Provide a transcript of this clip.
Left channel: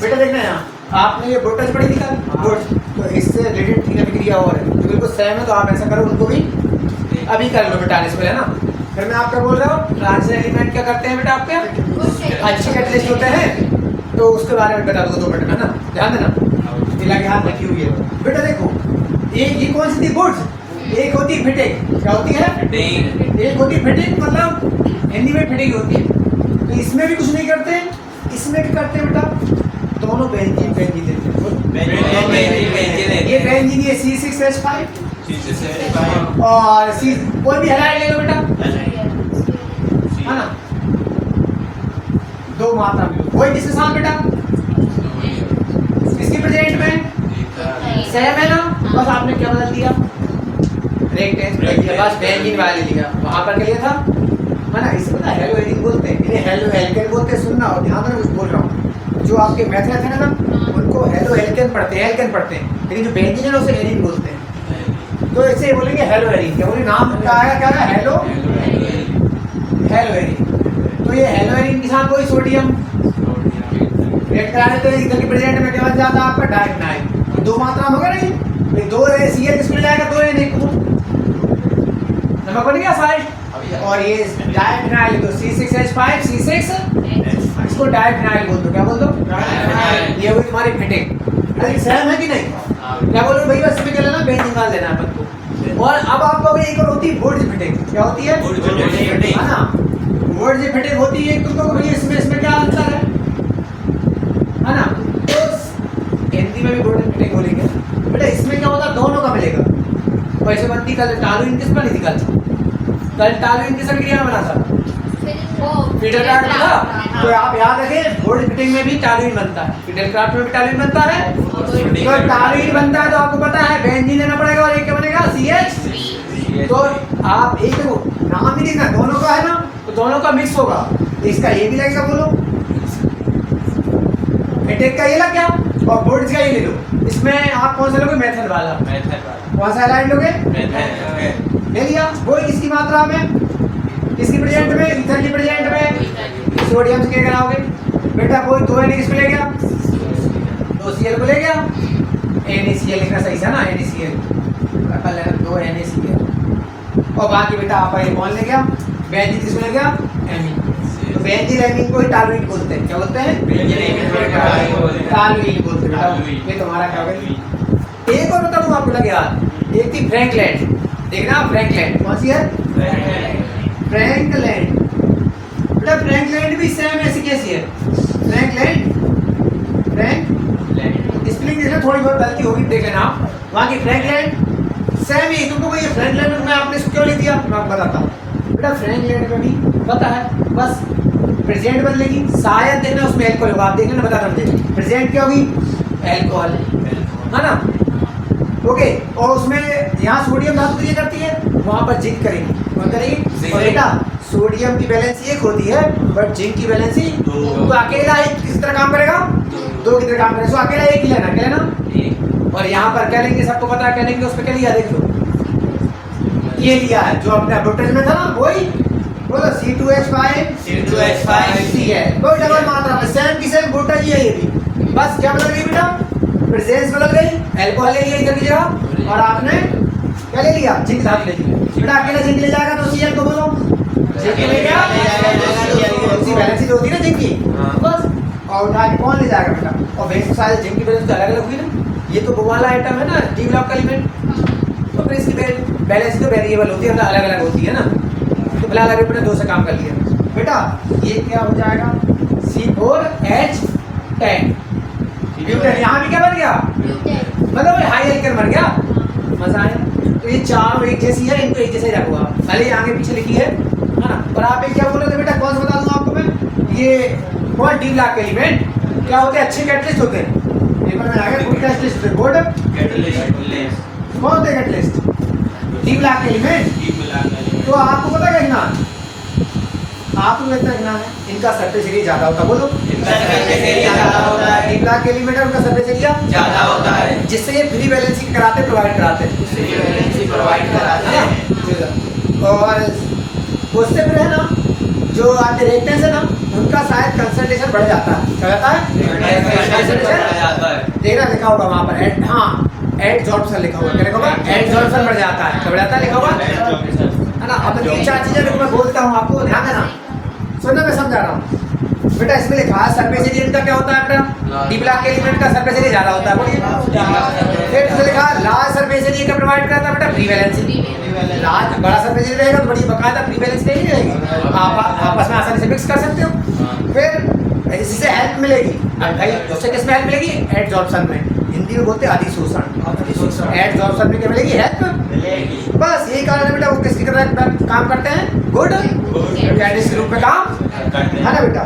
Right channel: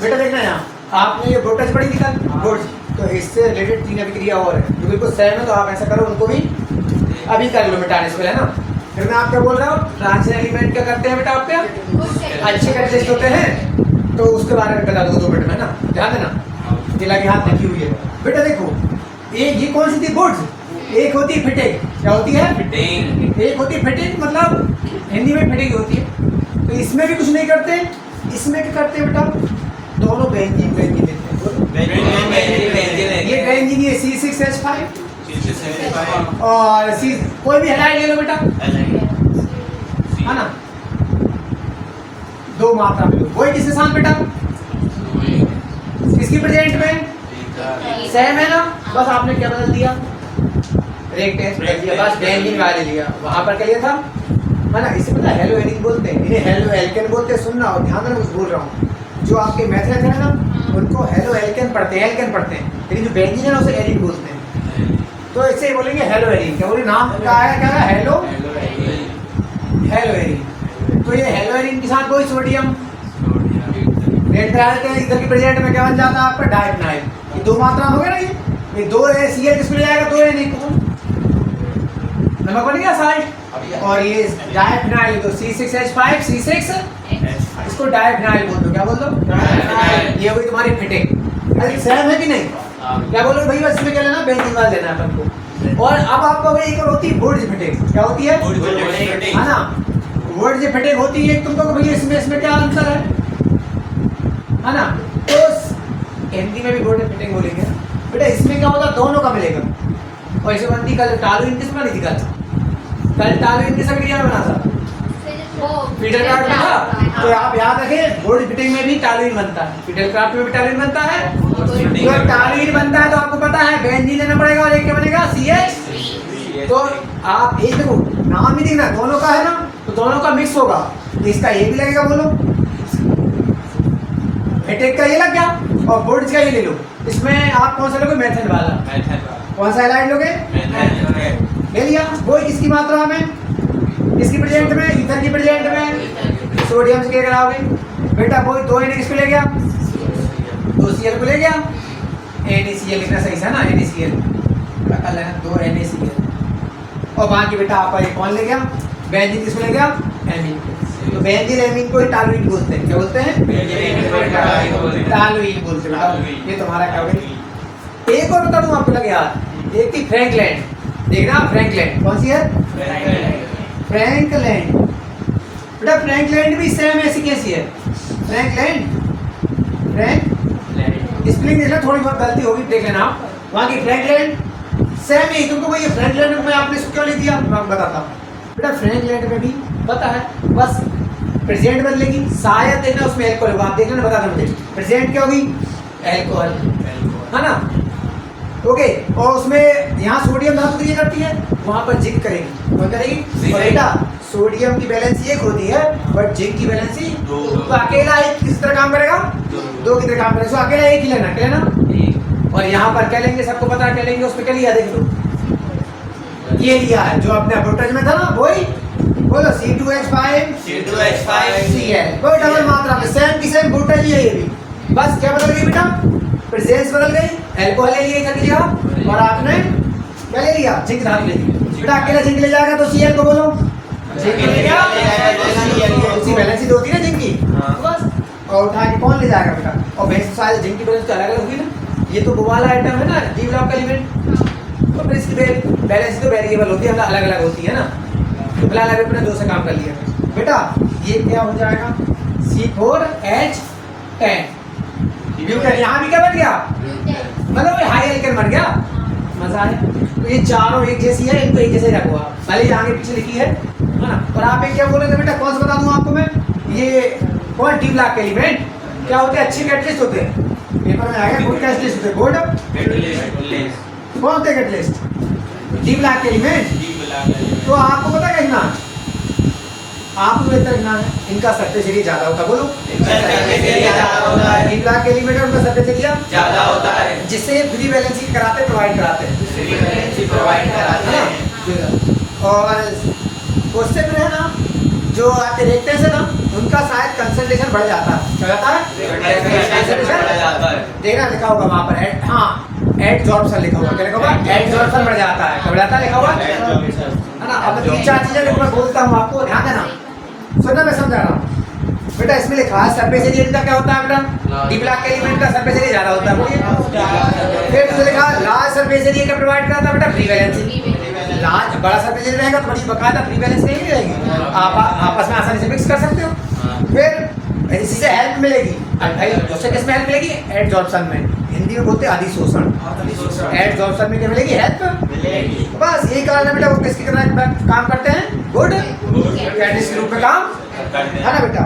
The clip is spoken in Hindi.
बेटा देखना यहाँ, आपने ये वोल्टेज पढ़ी थी कल, वोल्ट, तो इससे रिलेटेड क्रिया विक्रिया और है जो बिल्कुल सेम है, तो आप ऐसा करो उनको भी अभी कर लो मिटाने से पहले, है ना। फिर मैं आपका बोल रहा हूँ ट्रांजिशन एलिमेंट क्या करते हैं बेटा आपके अच्छे कैटलिस्ट होते हैं, तो उसके बारे में बता दो 2 मिनट में ना, ध्यान देना। मिला के हाथ लिखी हुई है बेटा, देखो एक ये कौन सी थी बोर्ड, एक होती है फिटिंग, क्या होती है फिटिंग, एक होती है फिटिंग मतलब हिंदी में फिटिंग होती है। तो इसमें भी कुछ नहीं करते, इसमें क्या करते हैं बेटा, दोनों बेंजीन बेंजीन देते हैं, ये बेंजीन ये C6H5 और सी कोई भी हेलाइड ले लो बेटा, है ना, 2 मात्रा में लो, वही किसके साथ बेटा, इसकी प्रेजेंट में सेम है ना, बस आपने क्या बदल दिया, रेक्टेंस बदल दिया, बस बेंजीन वाले लिया, वहां पर क्या लिया था माना, इसे पता हेलो एरिन बोलते हैं, इन्हें हेलो एल्केन बोलते हैं, सुनना और ध्यान देना कुछ बोल रहा हूँ, जो आपके मैथलेट है ना उनको हेलो एल्केन पढ़ते हैं, एल्केन पढ़ते हैं, लेकिन जो बेंजीन है उसे एरिन बोलते हैं, तो इसे बोलेंगे हेलो एरिन, क्या बोले नाम क्या है, क्या है हेलो एरिन, तो ये हेलो एरिन के साथ कोई सोडियम रेड करा देते हैं, इधर की प्रेजेंट में क्या बन जाता है आपका डाइफिनाइल, ये 2 मात्रा में हो गया ना, ये 2 है Cl किसको ले जाएगा, 2 है नहीं को नमक बन गया साइड, और ये डाइफिनाइल तो C6H5 C6 इसको डाइफिनाइल बोल दो, क्या बोल दो डाइफिनाइल, ये हुई तुम्हारी फिटिंग, अरे सेम है कि नहीं, क्या बोल रहे हो भैया, इसमें क्या लेना बेंजीन वाला लेना है अपन को। और अब आपको एक और होती है बोर्ड फिटिंग, क्या होती है है ना, बोर्ड फिटिंग होती है, तुमको भैया इसमें क्या अंतर है ना, तो हिंदी में भी बोर्ड फिटिंग बोलेंगे बेटा, इसमें क्या होगा दोनों का मिलेगा, और इसे बनती कल टालू इनकिस बनी थी, कल टालू इनकिस क्रिया में बना था, फीडर कार्ड में था, तो आप याद रखें बोर्ड फिटिंग में भी टालुइन बनता है, फीडर कार्ड में भी टालुइन बनता है, तो टालुइन बनता है तो आपको पता है बेंजीन लेना पड़ेगा, और एक क्या बनेगा CH, तो आप एक देखो नाम ही देखना दोनों का है ना, तो दोनों का मिक्स होगा, तो इसका ये भी लगेगा, बोलो फिटिंग का ये लग गया, और बोर्ड का ये ले लो, इसमें आप कौन सा लोगे मेथड वाला, कौन सा हेलाइड लोगे ले लिया, वो किसकी मात्रा में, किसकी प्रेजेंट में, ईथर की प्रेजेंट में, सोडियम से क्या कराओगे बेटा, कोई 2 Na किसको ले गया, 2 Cl को ले गया, NaCl लिखना सही है ना, NaCl रखा लेना 2 NaCl, और बाकी बेटा आपका ये कौन ले गया, बेंजीन किसको ले गया एमीन, तो बेंजीन एमीन को ही टालुइन बोलते हैं, क्या बोलते हैं टालुइन बोलते हैं, ये तुम्हारा क्या होगा। एक और बता दूं आपको लगे यार, एक थी फ्रैंकलैंड, देखना फ्रैंकलैंड कौन सी है, फ्रैंकलैंड बेटा, फ्रैंकलैंड भी सेम ऐसी कैसी है, फ्रैंकलैंड स्पेलिंग देखना, थोड़ी बहुत गलती होगी देख लेना आप, वहाँ की फ्रैंकलैंड सेम ही, तुमको वही फ्रैंकलैंड में आपने इसको क्यों लिख दिया, मैं आपको बताता हूँ बेटा, फ्रैंकलैंड में भी पता है बस प्रेजेंट बदलेगी, शायद देखना उसमें एल्कोहल होगा, आप देख लेना, बताता मुझे प्रेजेंट क्या होगी एल्कोहल, है ना, ओके, और उसमें यहाँ सोडियम धातु क्रिया करती है, वहाँ पर जिंक करेगी, कौन करेगी, और बेटा सोडियम की बैलेंस 1 होती है, बट जिंक की बैलेंस 2, तो अकेला एक किस तरह काम करेगा, 2 की तरह काम करेगा, तो अकेला एक ही लेना, क्या लेना, और यहाँ पर क्या लेंगे, सबको पता है क्या लेंगे, उसमें क्या लिया देख लो, ये लिया है जो अपने वोल्टेज में था ना, वही बोलो C2H5 Cl, कोई डबल मात्रा में सेम की सेम वोल्टेज ही है, ये भी बस क्या बदल गई बेटा, प्रेजेंस बदल गई, अल्कोहल ले लिया इधर की जगह, और आपने क्या ले लिया, जिंक धातु ले ली बेटा, अकेला जिंक ले जाएगा तो Cl को बोलो जिंक ले गया, इसी बैलेंस ही होती है ना जिंक की, बस, और उठा के कौन ले जाएगा बेटा, और बेस साइज जिंक की बैलेंस तो अलग अलग होगी ना, ये तो वो वाला आइटम है ना डी ब्लॉक का एलिमेंट, तो फिर इसकी बैलेंस तो वेरिएबल होती है, अलग अलग होती है ना, तो भला अलग अपने 2 से काम कर लिया बेटा, ये क्या हो जाएगा C4H10 ब्यूटेन, यहाँ भी क्या बन गया, मतलब हाई एल्केन बन गया, मजा आया। तो ये चारों एक जैसी है, इनको एक जैसे रखो आप, भले ही आगे पीछे लिखी है ना, पर आप एक क्या बोल रहे थे बेटा, कौन सा बता दूं आपको मैं, ये कौन डी ब्लॉक के एलिमेंट क्या होते हैं, अच्छे कैटलिस्ट होते हैं, पेपर में आ गया गुड कैटलिस्ट होते हैं, गुड कैटलिस्ट, कौन होते हैं कैटलिस्ट, डी ब्लॉक के एलिमेंट, तो आपको पता है ना, आपको लगता है ना इनका सरफेस एरिया ज्यादा होता है, बोलो इनका सरफेस एरिया ज्यादा होता है, डी ब्लॉक के एलिमेंट है उनका सरफेस एरिया ज्यादा होता है, जिससे ये फ्री बैलेंसिंग कराते प्रोवाइड कराते हैं, फ्री बैलेंसिंग प्रोवाइड कराते हैं, और उससे फिर है ना जो आपके रेक्टेंस है ना उनका शायद कंसंट्रेशन बढ़ जाता है। क्या कहता है? देखना लिखा होगा वहाँ पर एड, हाँ एडजॉर्प्शन लिखा हुआ। क्या लिखा हुआ? एडजॉर्प्शन बढ़ जाता है। क्या बढ़ जाता है लिखा हुआ है ना। अब 3-4 चीजें जो मैं बोलता हूँ आपको ध्यान देना, सुनना मैं समझा रहा हूँ बेटा। इसमें लिखा है सरफेस एरिया इनका क्या होता है बेटा? डी ब्लॉक के एलिमेंट का सरफेस एरिया ज्यादा होता है। बोलिए। फिर जो लिखा है लार्ज सरफेस एरिया का प्रोवाइड करता है बेटा प्रीवैलेंस। लार्ज बड़ा सरफेस एरिया रहेगा तो बड़ी बकायदा प्रीवैलेंस नहीं रहेगी, आप आपस में आसानी से मिक्स कर सकते हो। फिर इससे हेल्प मिलेगी भाई, उससे किस में हेल्प मिलेगी? एडजॉर्प्शन में, हिंदी में बोलते हैं अधिशोषण। एडजॉर्प्शन में क्या मिलेगी? हेल्प। बस यही कारण है बेटा वो किसकी तरह काम करते हैं? गुड रूप में काम है ना बेटा।